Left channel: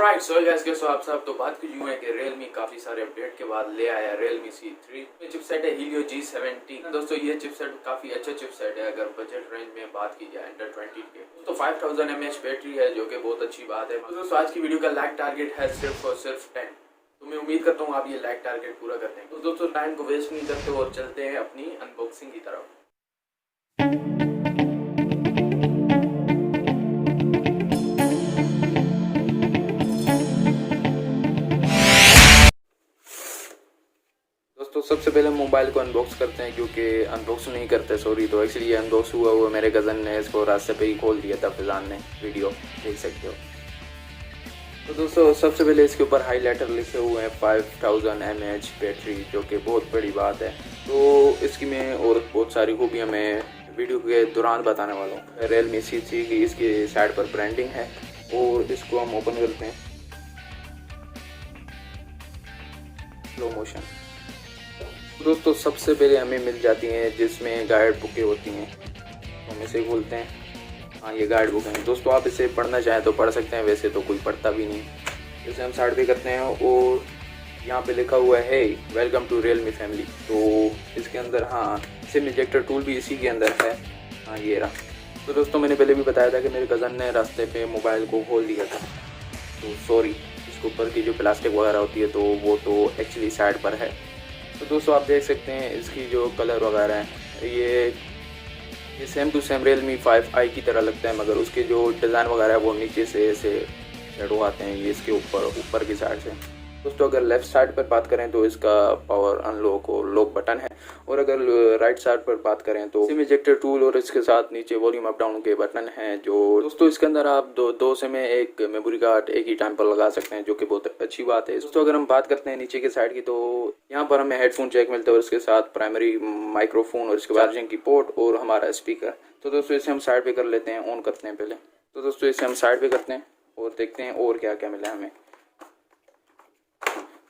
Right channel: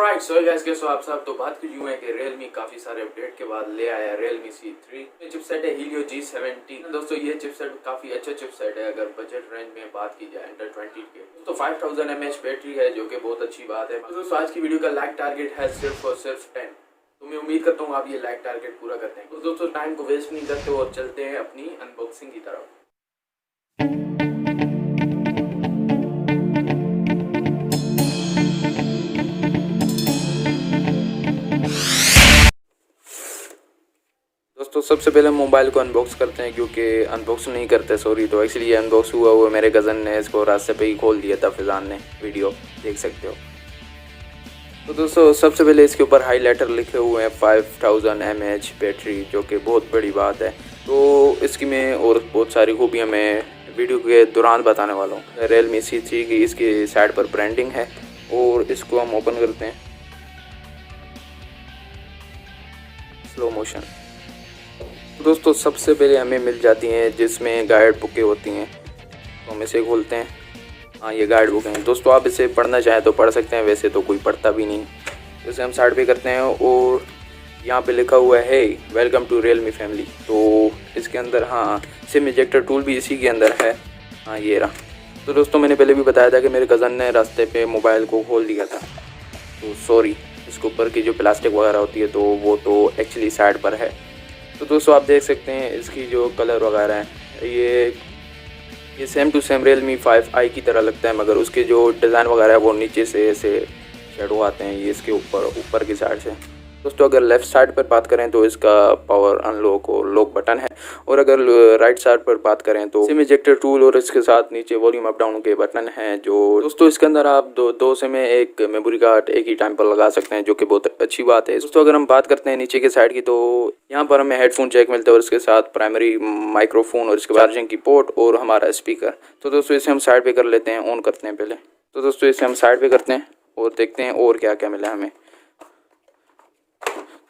Alright so guys, कैसे हो आप सब। तो बात कीजिए है कि Realme काफी सारे अपडेट के बाद ले आया Realme C3। ये चिपसेट है Helio G70। दोस्तों ये चिपसेट काफी अच्छा चिपसेट है अगर बजट रेंज में बात की जाए अंडर 20 के। तो 5000 mAh बैटरी है जो कि बहुत अच्छी बात है। दोस्तों आज की वीडियो का लाइक टारगेट है सिर्फ और सिर्फ 10। तो मैं उम्मीद करता हूँ आप ये लाइक टारगेट पूरा करते हैं। तो दोस्तों टाइम को वेस्ट नहीं करते और चलते हैं अपनी अनबॉक्सिंग की तरफ। दोस्तों सबसे पहले मोबाइल को अनबॉक्स करते हैं क्योंकि अनबॉक्स नहीं करते सॉरी। तो एक्चुअली ये अनबॉक्स हुआ हुआ मेरे कज़न ने इसको रास्ते पे ही खोल दिया था, फिजान ने वीडियो देख सकते हो। तो दोस्तों सबसे पहले इसके ऊपर हाईलाइटर लिखे हुए हैं 5000 mAh बैटरी, जो कि बहुत बड़ी बात है। तो इसकी मैं और बहुत सारी खूबियाँ मैं वीडियो के दौरान बताने वाला हूँ। Realme C3 की इसकी साइड पर ब्रांडिंग है और इसको हम ओपन करते हैं स्लो मोशन। दोस्तों सबसे पहले हमें मिल जाती हैं जिसमें गाइड बुकें होती हैं, तो हम इसे खोलते हैं। हाँ ये गाइड बुक है दोस्तों, आप इसे पढ़ना चाहें तो पढ़ सकते हैं, वैसे तो कोई पढ़ता भी नहीं। इसे हम साइड पे करते हैं और यहाँ पे लिखा हुआ है वेलकम टू Realme फैमिली। तो इसके अंदर हाँ सिम इजेक्टर टूल भी इसी के अंदर है। हाँ ये रहा। तो दोस्तों मैंने पहले भी बताया था कि मेरे कज़न ने रास्ते पे मोबाइल को खोल दिया था, तो सॉरी इसके ऊपर की जो प्लास्टिक वगैरह होती है तो वो तो एक्चुअली साइड पर है। तो दोस्तों आप देख सकते हैं इसकी जो कलर वगैरह है ये same to same Realme 5i की तरह लगता है, मगर उसके जो डिज़ाइन वगैरह है वो नीचे से ऐसे शेडो आते हैं, ये इसके ऊपर की साइड से। दोस्तों अगर लेफ़्ट साइड पर बात करें तो इसका पावर अनलॉक और लॉक बटन है, और अगर राइट साइड पर बात करें तो सिम इजेक्टर टूल और इसके साथ नीचे वॉल्यूम अप डाउन के बटन हैं। जो दोस्तों इसके अंदर आप दो सिम में एक मेमोरी कार्ड एक ही टाइम पर लगा सकते हैं, जो कि बहुत अच्छी बात है। दोस्तों अगर हम बात करते हैं नीचे के साइड की, तो यहाँ पर हमें हेडफोन जैक मिलता है और इसके साथ प्राइमरी माइक्रोफोन और इसके चार्जिंग की पोर्ट और हमारा स्पीकर। तो दोस्तों इसे हम साइड पे कर लेते हैं, ऑन करते हैं पहले। तो दोस्तों इसे हम साइड पे करते हैं और देखते हैं और क्या क्या मिला है हमें।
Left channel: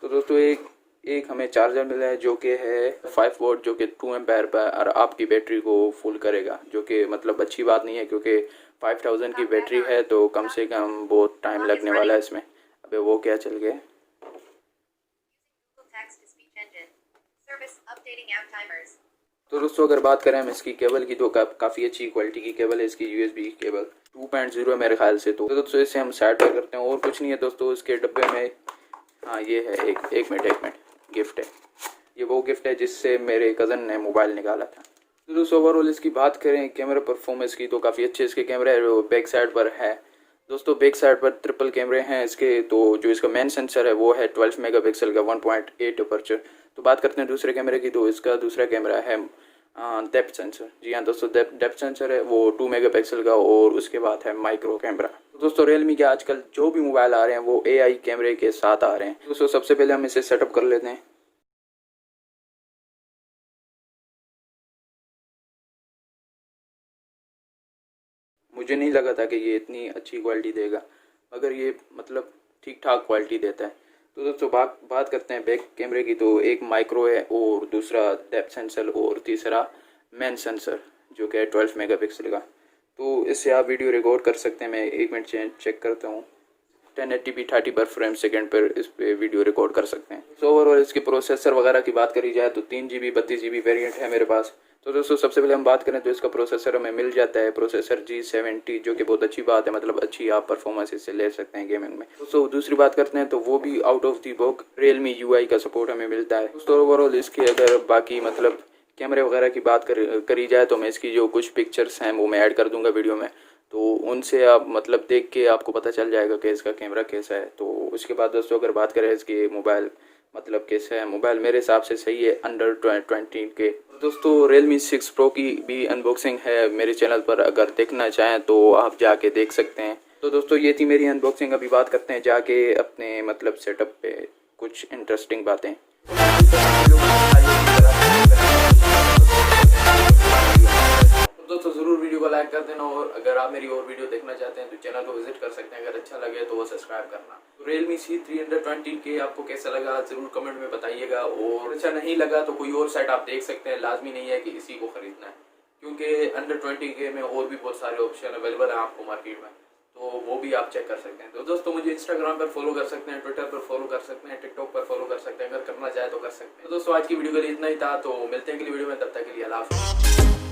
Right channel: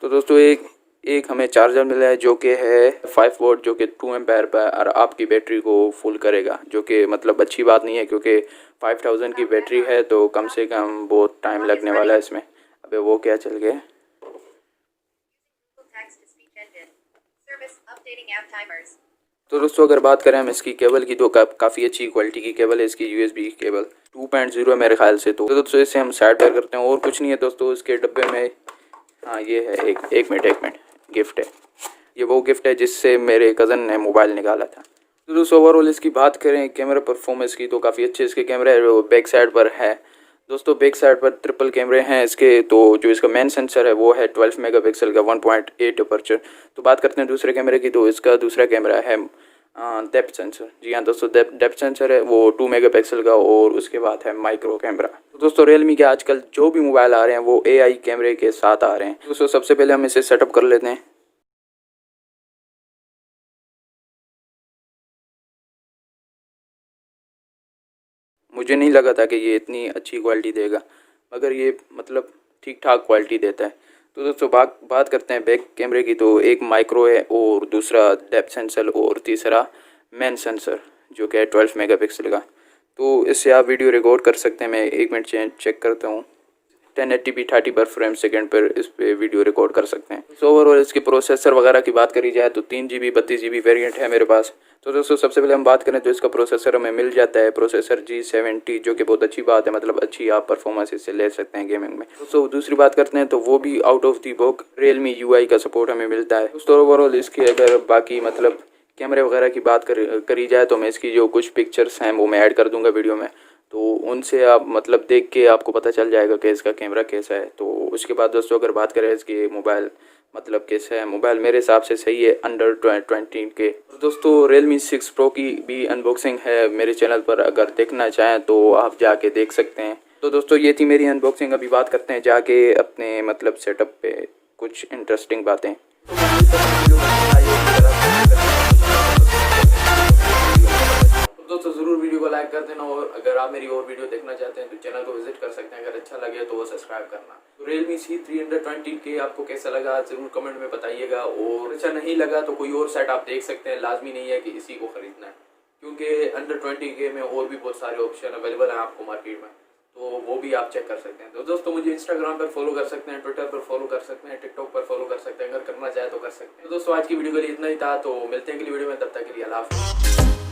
तो दोस्तों एक हमें चार्जर मिला है जो कि है 5 वोल्ट, जो कि 2 एम्पायर पर आपकी बैटरी को फुल करेगा, जो कि मतलब अच्छी बात नहीं है क्योंकि 5000 की बैटरी है तो कम से कम बहुत टाइम लगने वाला है इसमें। अबे वो क्या चल गया। तो दोस्तों अगर बात करें हम इसकी केबल की तो काफ़ी अच्छी क्वालिटी की केबल है इसकी, USB केबल 2.0 मेरे ख्याल से। तो दोस्तों इसे हम साइड पर करते हैं और कुछ नहीं है दोस्तों इसके डब्बे में। हाँ ये है एक मिनट गिफ्ट है, ये वो गिफ्ट है जिससे मेरे कज़न ने मोबाइल निकाला था। तो दोस्तों ओवरऑल इसकी बात करें कैमरा परफॉर्मेंस की तो काफ़ी अच्छे इसके कैमरा है। वो बैक साइड पर है दोस्तों, बैक साइड पर ट्रिपल कैमरे हैं इसके। तो जो इसका मेन सेंसर है वो है 12 मेगापिक्सल का 1.8 अपर्चर। तो बात करते हैं दूसरे कैमरे की, तो इसका दूसरा कैमरा है डेप्थ सेंसर। जी हाँ दोस्तों डेप्थ सेंसर है वो 2 मेगापिक्सल का, और उसके बाद है माइक्रो कैमरा। तो दोस्तों Realme के आजकल जो भी मोबाइल आ रहे हैं वो AI कैमरे के साथ आ रहे हैं। दोस्तों सबसे पहले हम इसे सेटअप कर लेते हैं। मुझे नहीं लगा था कि ये इतनी अच्छी क्वालिटी देगा, मगर ये मतलब ठीक ठाक क्वालिटी देता है। तो दोस्तों बात करते हैं बैक कैमरे की, तो एक माइक्रो है और दूसरा डेप्थ सेंसर और तीसरा मेन सेंसर जो कि है 12 मेगापिक्सल का। तो इससे आप वीडियो रिकॉर्ड कर सकते हैं। मैं एक मिनट चेक करता हूँ। 1080p 30 पर फ्रेम सेकंड पर इस पे वीडियो रिकॉर्ड कर सकते हैं। तो ओवरऑल इसके प्रोसेसर वगैरह की बात करी जाए तो 3GB 32GB वेरिएंट है मेरे पास। तो दोस्तों सबसे पहले हम बात करें तो इसका प्रोसेसर हमें मिल जाता है प्रोसेसर G70, जो कि बहुत अच्छी बात है, मतलब अच्छी आप परफॉर्मेंस इससे ले सकते हैं गेमिंग में। दोस्तों दूसरी बात करते हैं तो वो भी out of the box Realme UI का सपोर्ट हमें मिलता है। दोस्तों ओवरऑल इसके अगर बाकी मतलब कैमरे वगैरह की बात करी जाए तो मैं इसकी जो कुछ पिक्चर्स हैं वो मैं ऐड कर दूंगा वीडियो में, तो उनसे आप मतलब देख के आपको पता चल जाएगा कि इसका कैमरा कैसा है। तो उसके बाद दोस्तों अगर बात करें इसकी मोबाइल मतलब कैसा है, मोबाइल मेरे हिसाब से सही है अंडर 20 के। दोस्तों Realme 6 Pro की भी अनबॉक्सिंग है मेरे चैनल पर, अगर देखना चाहें तो आप जाके देख सकते हैं। तो दोस्तों ये थी मेरी अनबॉक्सिंग। अभी बात करते हैं जाके अपने मतलब सेटअप पे कुछ इंटरेस्टिंग बातें। दोस्तों ज़रूर वीडियो को लाइक कर देना, और अगर आप मेरी और वीडियो देखना चाहते हैं तो चैनल को विजिट कर सकते हैं। अगर अच्छा लगे तो वो सब्सक्राइब करना। तो Realme C3 अंडर 20 के आपको कैसा लगा ज़रूर कमेंट में बताइएगा, और अच्छा नहीं लगा तो कोई और सेट आप देख सकते हैं, लाजमी नहीं है कि इसी को ख़रीदना है, क्योंकि अंडर 20 के में और भी बहुत सारे ऑप्शन अवेलेबल हैं आपको मार्केट में। तो वो भी आप चेक कर सकते हैं। तो दोस्तों मुझे इंस्टाग्राम पर फॉलो कर सकते हैं, ट्विटर पर फॉलो कर सकते हैं, टिकटॉक पर फॉलो कर सकते हैं, अगर करना चाहे तो कर सकते हैं। तो दोस्तों आज की वीडियो के लिए इतना ही था, तो मिलते हैं अगली वीडियो में, तब तक के लिए अल्लाह हाफ़िज़।